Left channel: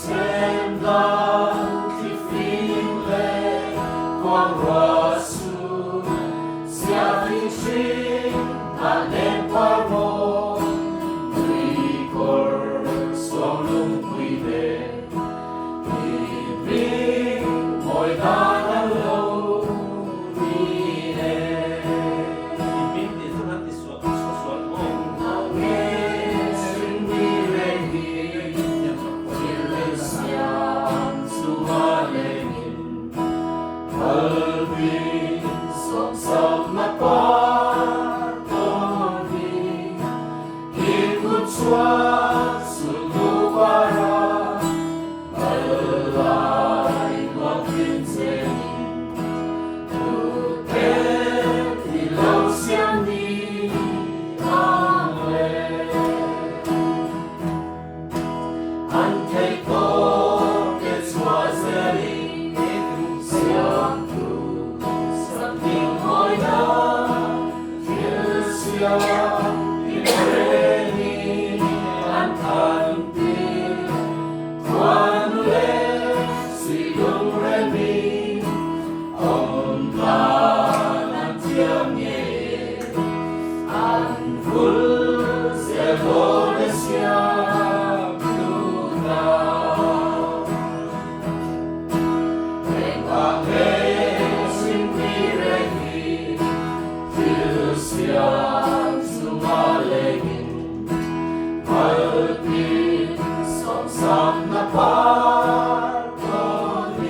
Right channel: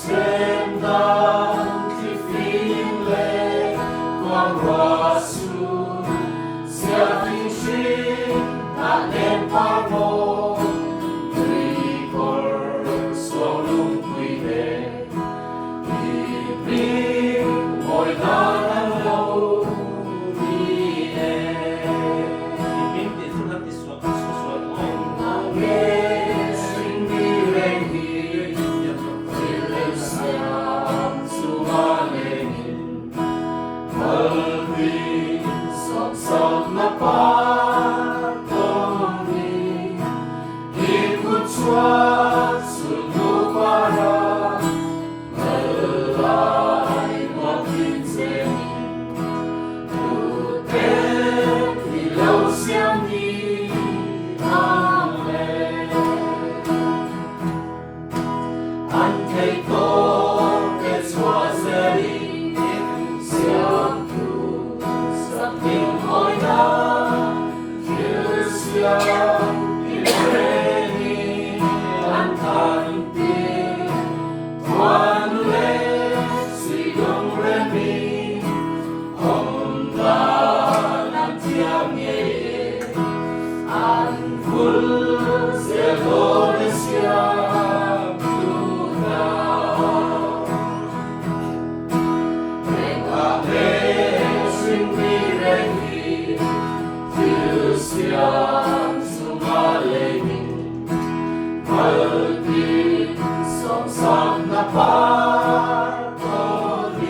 Chhemdam, thlifim le, kuangruah su, siam anem parmo, rikor solum kuide, ibig mo'y nanalo, mine. Ibig dito natin susuot. Ang ngei, tinrengin, Thil siam sumalengin, Lawmin, som na patuloy, ikutwa sunubara, malalay mapinsenin, Tutet ilaw siyang ni Amah. Antay ko, that's what's ready, Siamtu, something hnuaia, siam, tinrengin, thantir, kuangruah, ngei, ngei, Jehovah Siamtu na. Thil siam sumalengin, Pathian som na patuloy,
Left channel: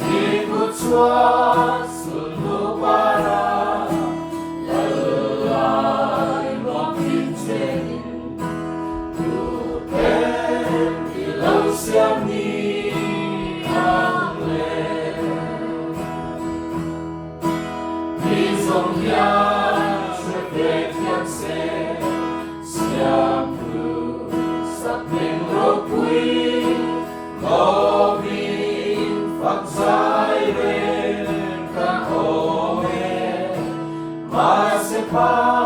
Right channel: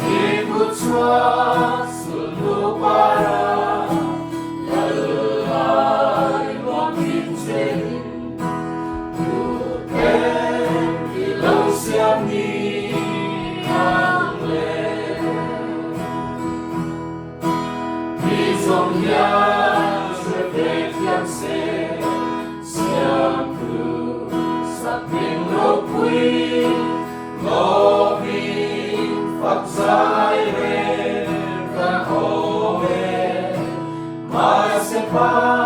ikutwa sunubara, malalay mapinsenin, Tutet ilaw siyang ni Amah. Pathian Siamtu, something Lawmin, faka, Jehovah,